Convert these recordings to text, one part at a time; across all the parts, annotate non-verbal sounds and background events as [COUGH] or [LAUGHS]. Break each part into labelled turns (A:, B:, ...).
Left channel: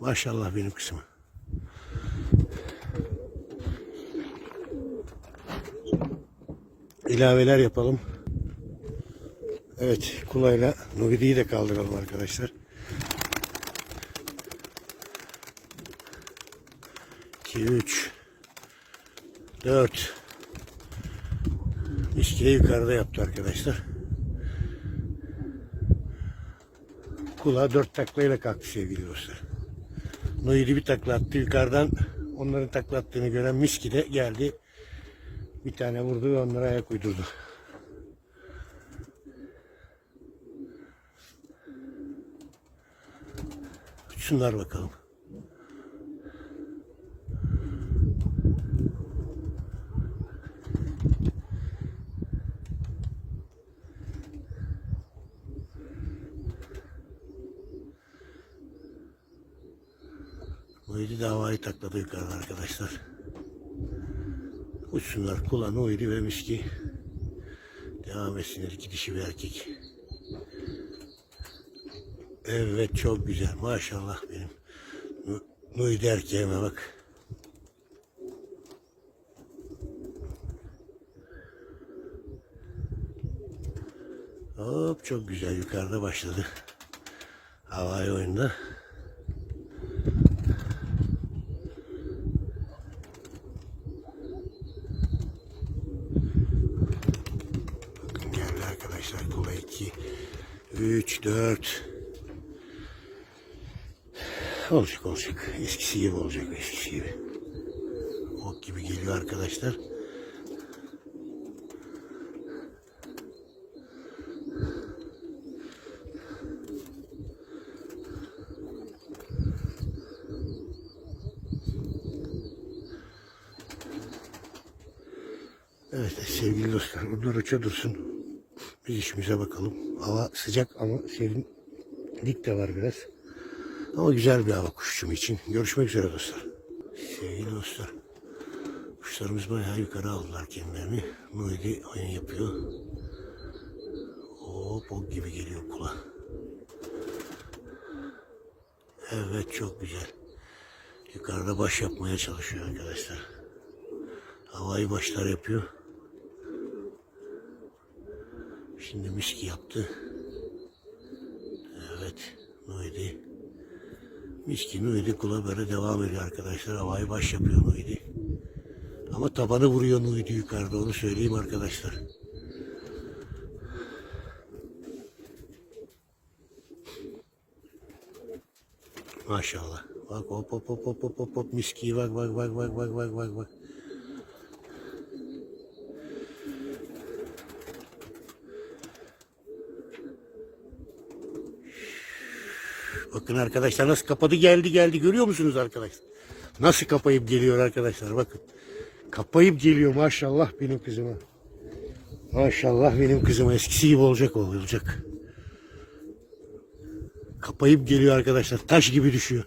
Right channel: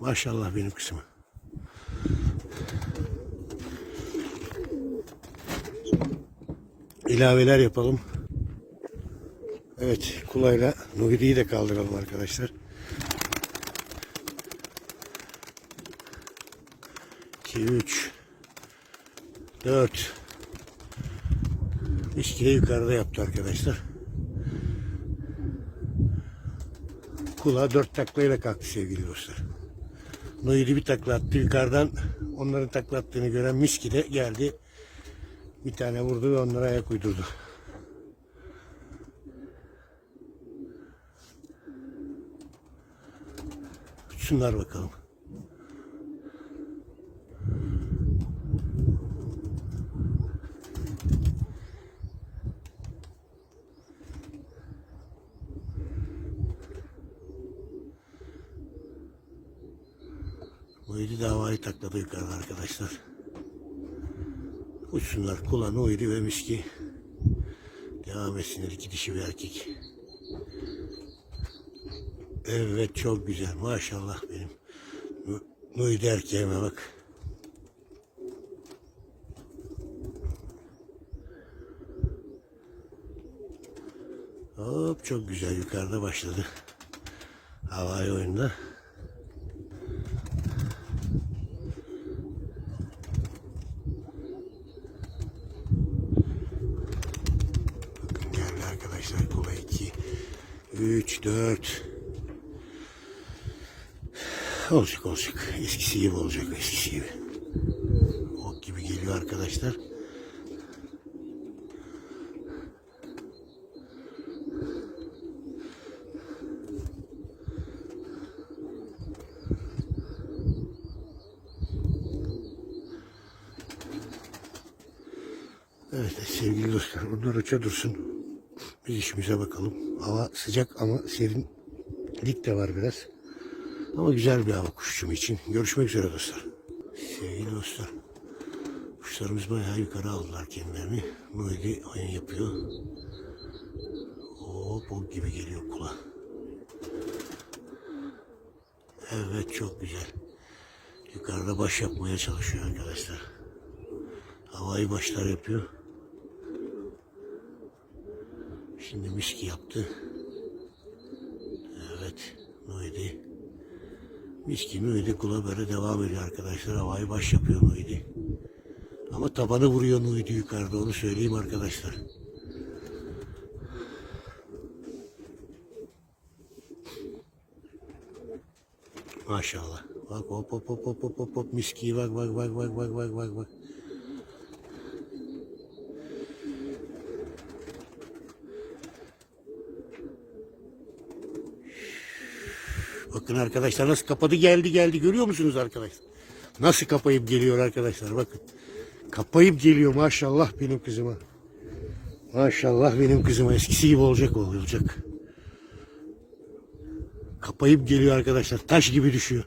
A: Maşallah benim kızıma. İlaveler yapalım. Evet kulayla Nuhidi'yi de kaldıralım arkadaşlar. İki, üç, dört. Miskile yukarıda yaptı arkadaşlar. Kulağa dört taklayla kalktı sevgili dostlar. Nuhidi bir takla attı yukarıdan. Onların takla attığını gören Miski de geldi. Bir tane vurdu ve onlara ayak uydurdu. Şunlar bakalım. Nuydi davayı takladı yukarıda arkadaşlar. Uçsunlar kula Nuydi ve Miski. Devam etsinler iki dişi bir erkek. Evet çok güzel maşallah benim. Nuydi erkeğime bak. Hop çok güzel yukarıda başladı. Havai oyunda. Bakın geldi arkadaşlar kula 2 3 4 Olacak olacak. Eskisi gibi olacak eskisi gibi. Ok gibi geliyor arkadaşlar. Evet sevgili dostlar onlar uça dursun. Biz işimize bakalım. Hava sıcak ama serinlik de var biraz. Ama güzel bir hava kuşçum için. Görüşmek üzere dostlar. Sevgili dostlar. Kuşlarımız bayağı yukarı aldılar kendilerini. Nuhidi oyun yapıyor. Hop o gibi geliyor kula. Evet çok güzel. Yukarıda baş yapmaya çalışıyor arkadaşlar. Havai başlar yapıyor. Şimdi miski yaptı. Evet. Nuhidi. Miski Nuhidi kula böyle devam ediyor arkadaşlar. Havayı baş yapıyor Nuhidi. Ama tabanı vuruyor Nuhidi yukarıda onu söyleyeyim arkadaşlar. Maşallah. Bak hop hop hop hop hop hop miskiyi bak bak bak bak bak bak bak bak. Bakın arkadaşlar nasıl kapadı geldi geldi görüyor musunuz arkadaşlar? Nasıl kapayıp geliyor arkadaşlar bakın. Kapayıp geliyor maşallah benim kızıma. Maşallah benim kızıma eskisi gibi olacak olacak. Kapayıp geliyor arkadaşlar. Taş gibi düşüyor.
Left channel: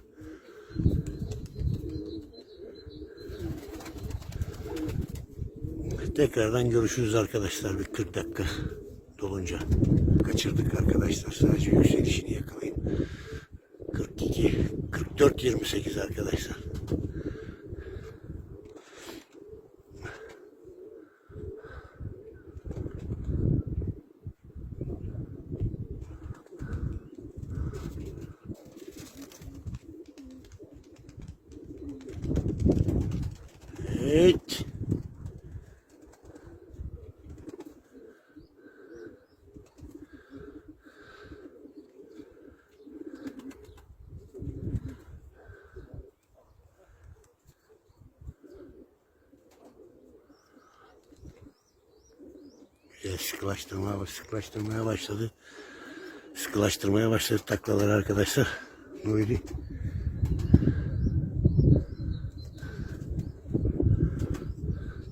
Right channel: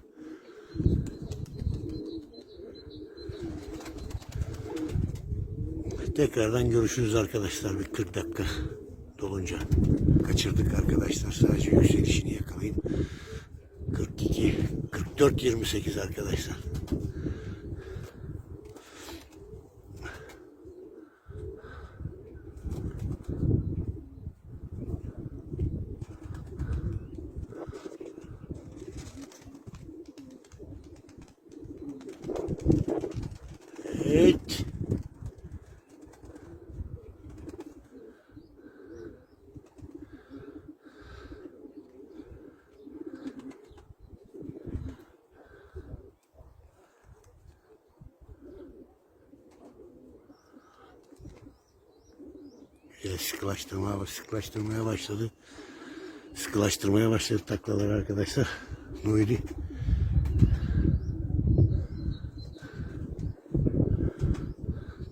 A: Tekrardan görüşürüz arkadaşlar bir 40 dakika dolunca. Kaçırdık arkadaşlar. Sadece yükselişini yakalayayım. 42, 44, 28 arkadaşlar. Sıkılaştırmaya, sıkılaştırmaya başladı. Sıkılaştırmaya başladı taklaları arkadaşlar. Nuydi.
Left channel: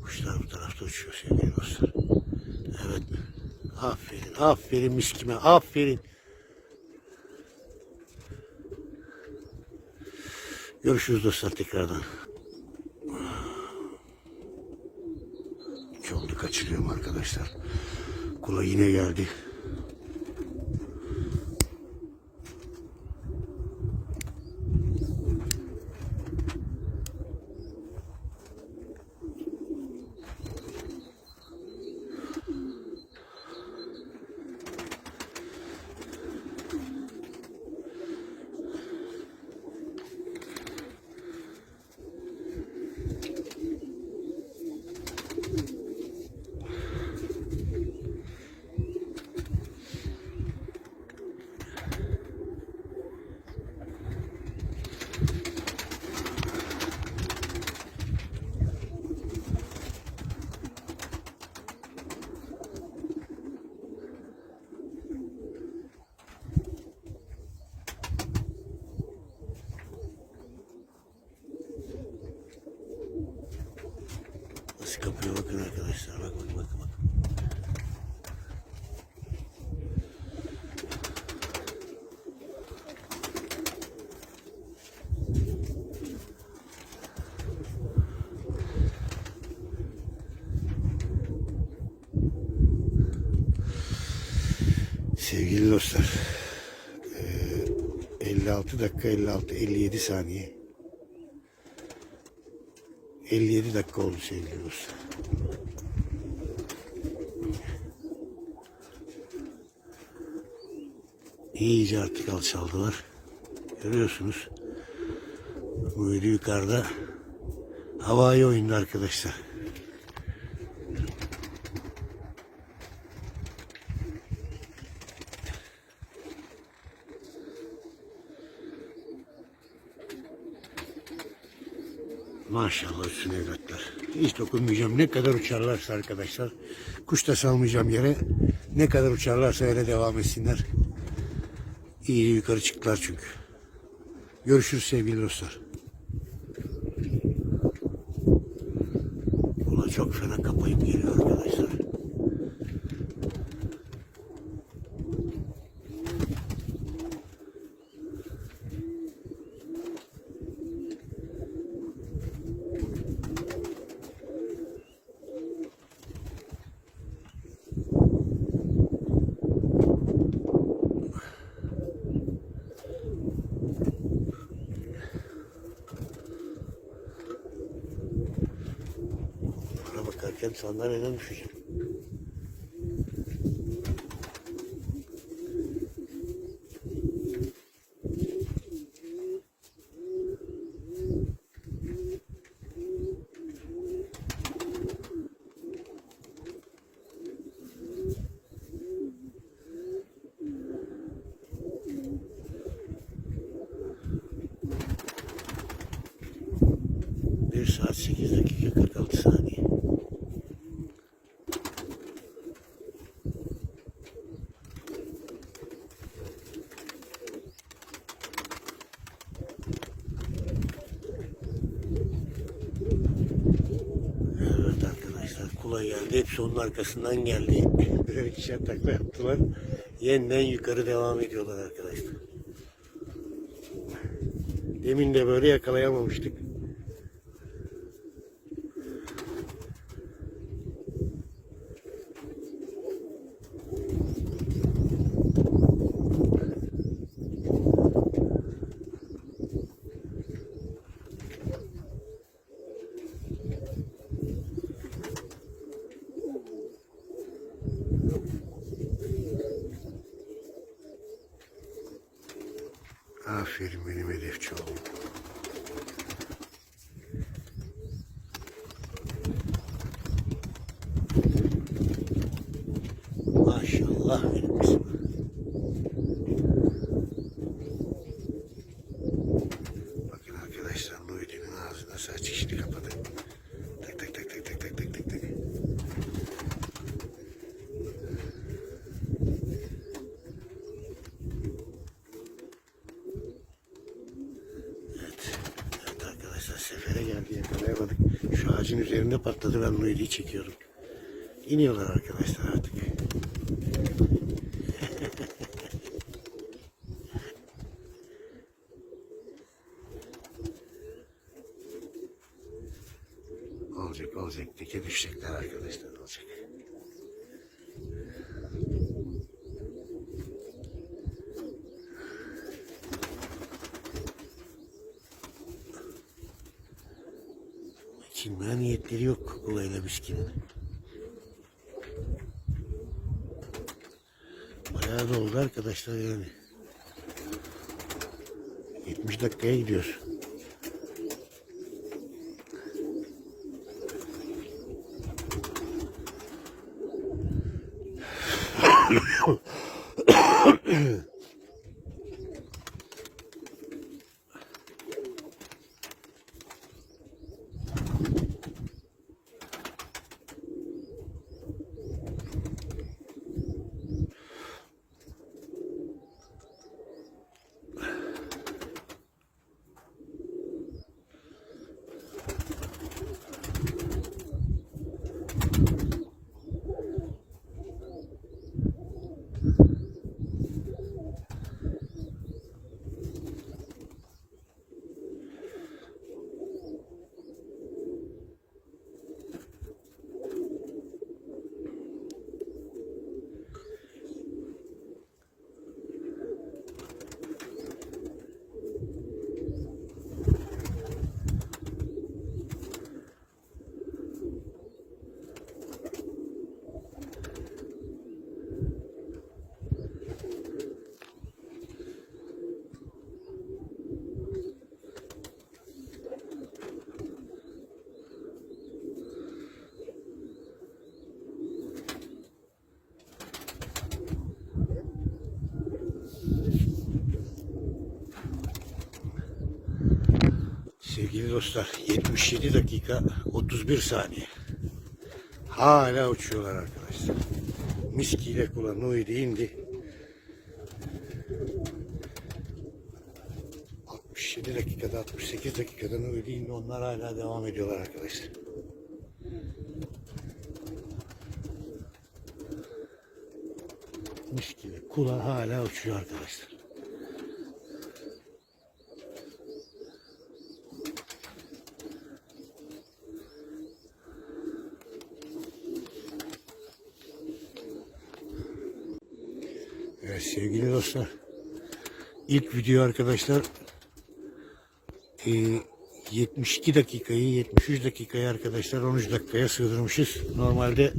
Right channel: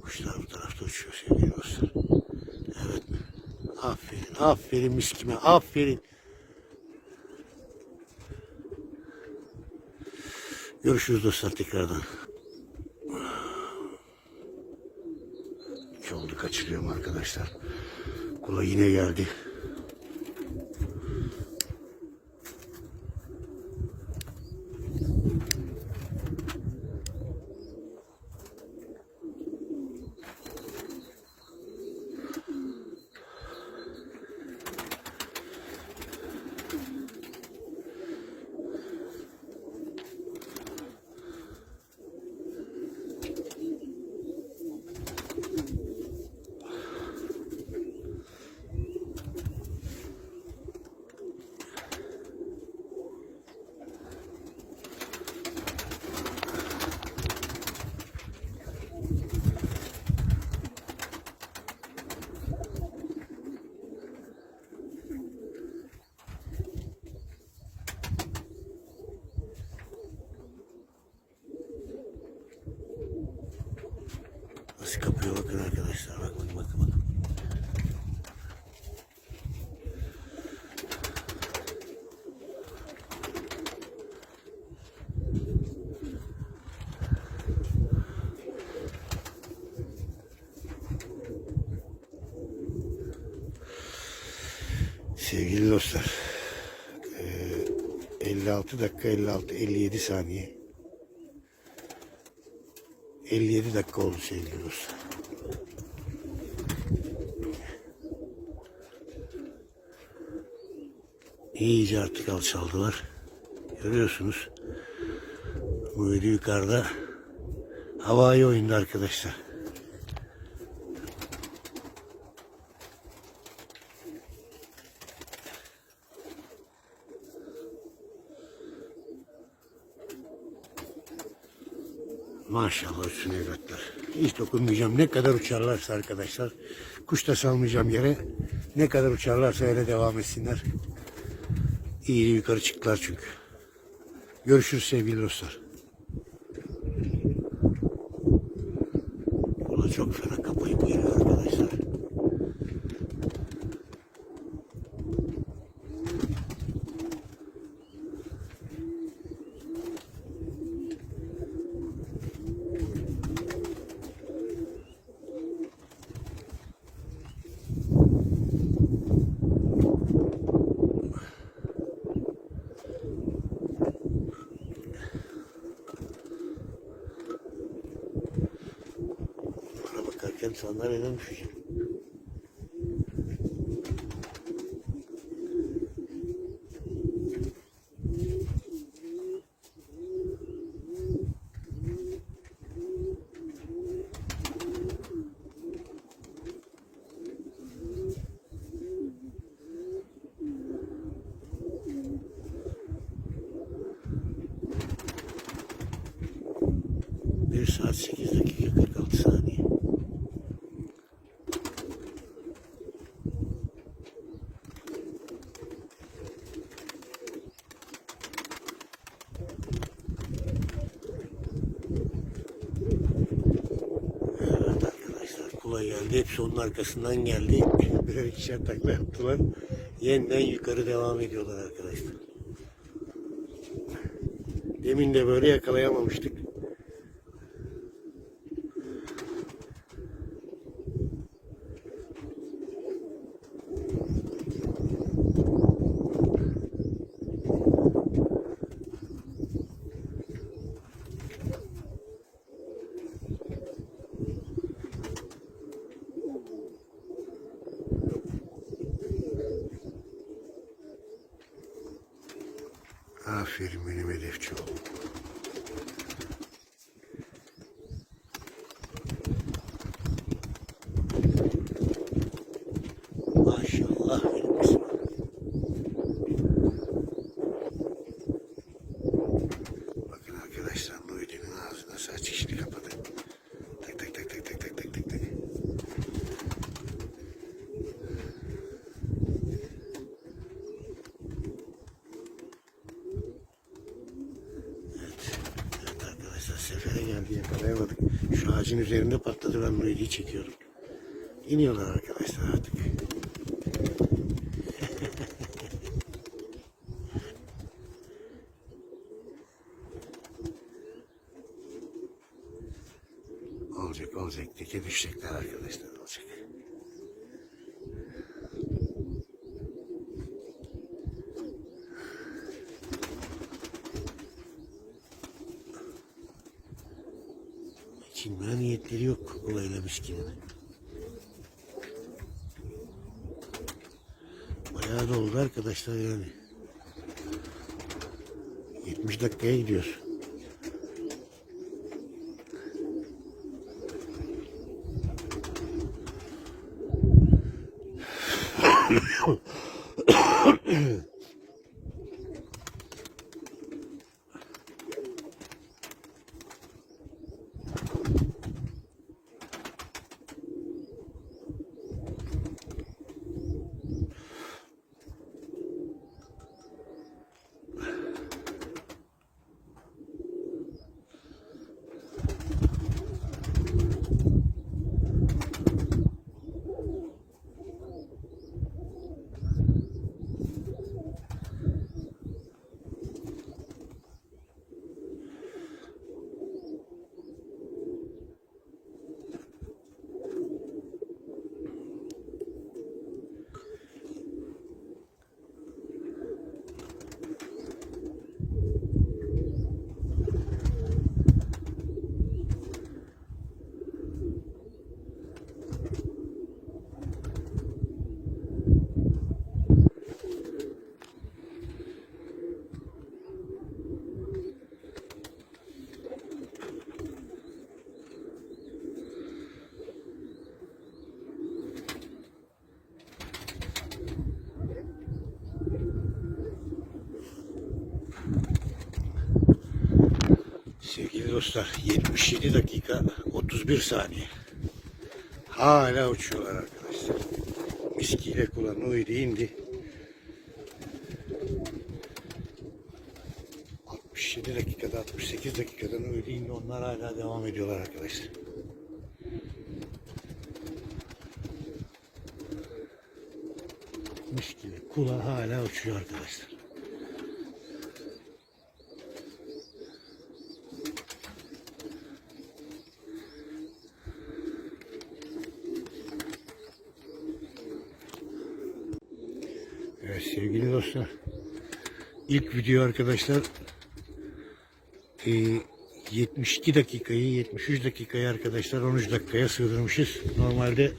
A: Kuşlar bu tarafta uçuyor sevgili dostlar. Evet. Aferin, aferin miskime, aferin. Görüşürüz dostlar tekrardan. İki oldu kaçırıyorum arkadaşlar. Kula yine geldi. Arkadaşlar. Bak bak bak. bak. Sevgili dostlar, eee, 56 dakika 56 57 saniye. 57 dakika oldu sevgili dostlar. İyice artık alçaldılar. Görüyorsunuz. Bu video yukarıda havai oyunda arkadaşlar. Maşallah üstüne evlatlar. Hiç dokunmayacağım. Ne kadar uçarlarsa arkadaşlar. Kuş da salmayacağım yere. Ne kadar uçarlarsa öyle devam etsinler. İyi yukarı çıktılar çünkü. Görüşürüz sevgili dostlar. Çok fena Görkem sana veren film. Şey. Bir saat sekiz dakika kırk altı. Kula geldi. Hepsi onun arkasından geldi. Birer ikişer takla yaptılar. Yeniden yukarı devam ediyorlar arkadaşlar. Demin de böyle yakalayamamıştık. Ağacın üzerinde patladı ben Luidi'yi çekiyorum. İniyorlar arkadaşlar artık. [LAUGHS] olacak olacak. Teke düşecekler arkadaşlar olacak. gelmişti. Bayağı da arkadaşlar yani. 70 dakikaya gidiyor. Dostlar 77 dakika 31 saniye. Hala uçuyorlar arkadaşlar. Miskiyle kulağına uydu indi. 67 dakikada 68 dakikada uydu indi. Onlar hala devam ediyorlar arkadaşlar. Miskiyle kulağı hala uçuyor arkadaşlar. Evet sevgili dostlar. İlk video arkadaşlar e, 72 dakikayı 73 dakikayı arkadaşlar 13 dakikaya sığdırmışız. Normalde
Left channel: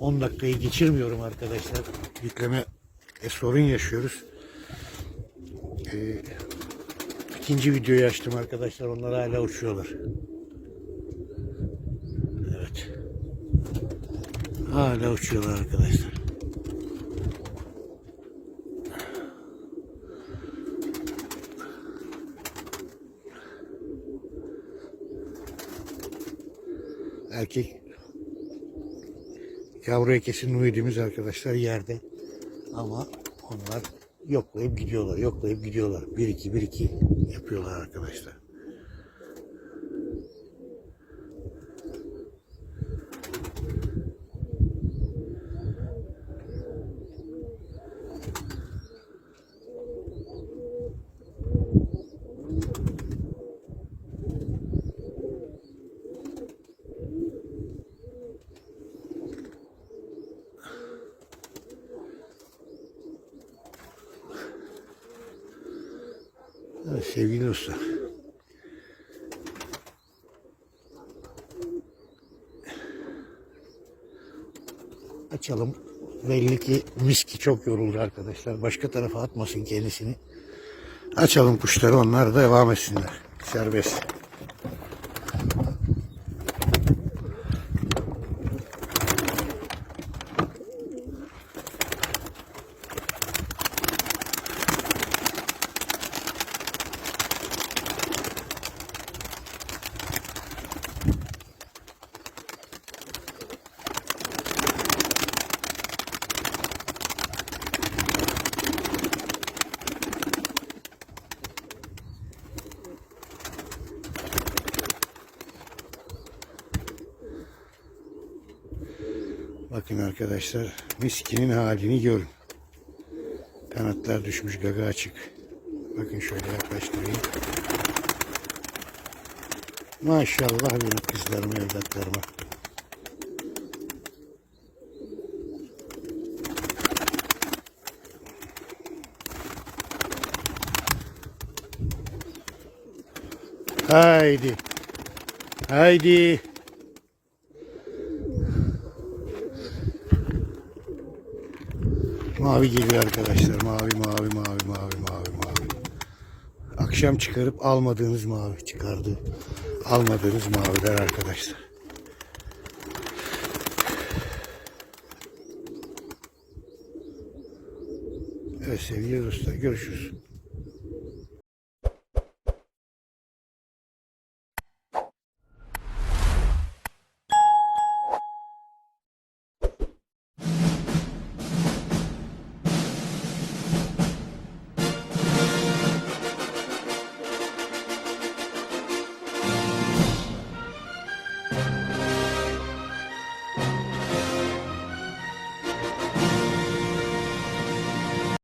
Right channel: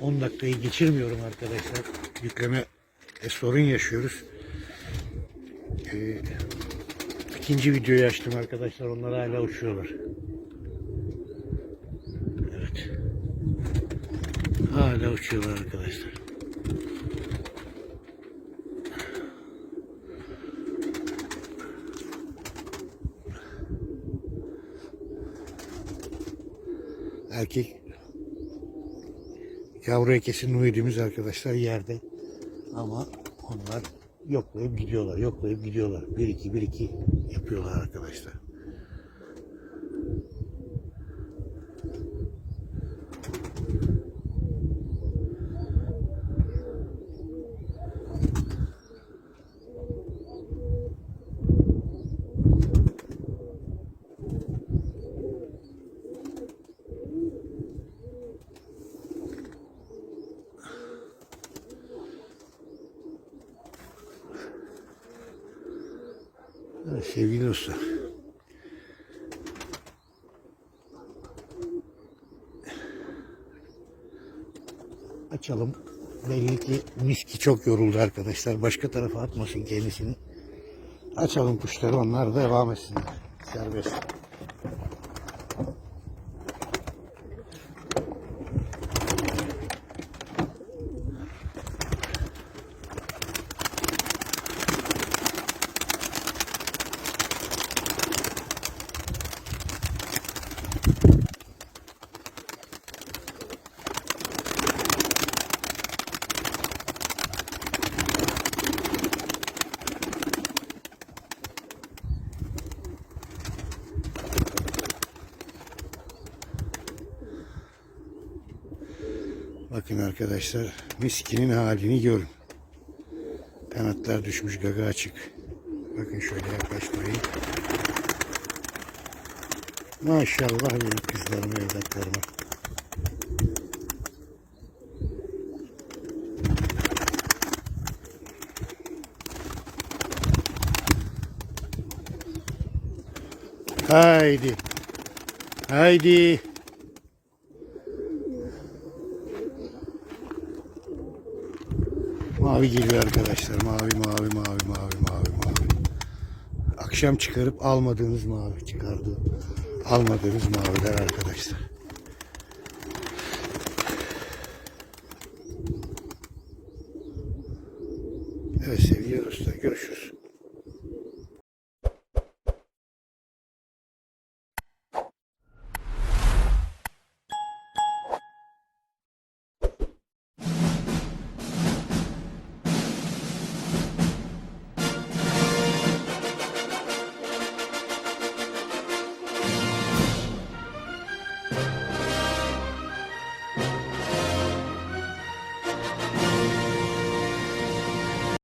A: 10 dakikayı geçirmiyorum arkadaşlar. Yükleme e, sorun yaşıyoruz. E, ikinci videoyu açtım arkadaşlar. Onlar hala uçuyorlar. Evet. Hala uçuyorlar arkadaşlar. Erkek yavru kesin uyuduğumuz arkadaşlar yerde. Ama onlar yoklayıp gidiyorlar, yoklayıp gidiyorlar. 1-2, 1-2 yapıyorlar arkadaşlar. Evet, sevgili dostlar. Açalım. Belli ki miski çok yoruldu arkadaşlar. Başka tarafa atmasın kendisini. Açalım kuşları onlar devam etsinler. Serbest. Bakın arkadaşlar miskinin halini görün. Kanatlar düşmüş gaga açık. Bakın şöyle yaklaştırayım. Maşallah benim kızlarıma evlatlarıma. Haydi. Haydi. Mavi geliyor arkadaşlar. Mavi, mavi, mavi, mavi, mavi, mavi. Akşam çıkarıp almadığınız mavi çıkardı. Almadığınız maviler arkadaşlar. Evet sevgili dostlar görüşürüz.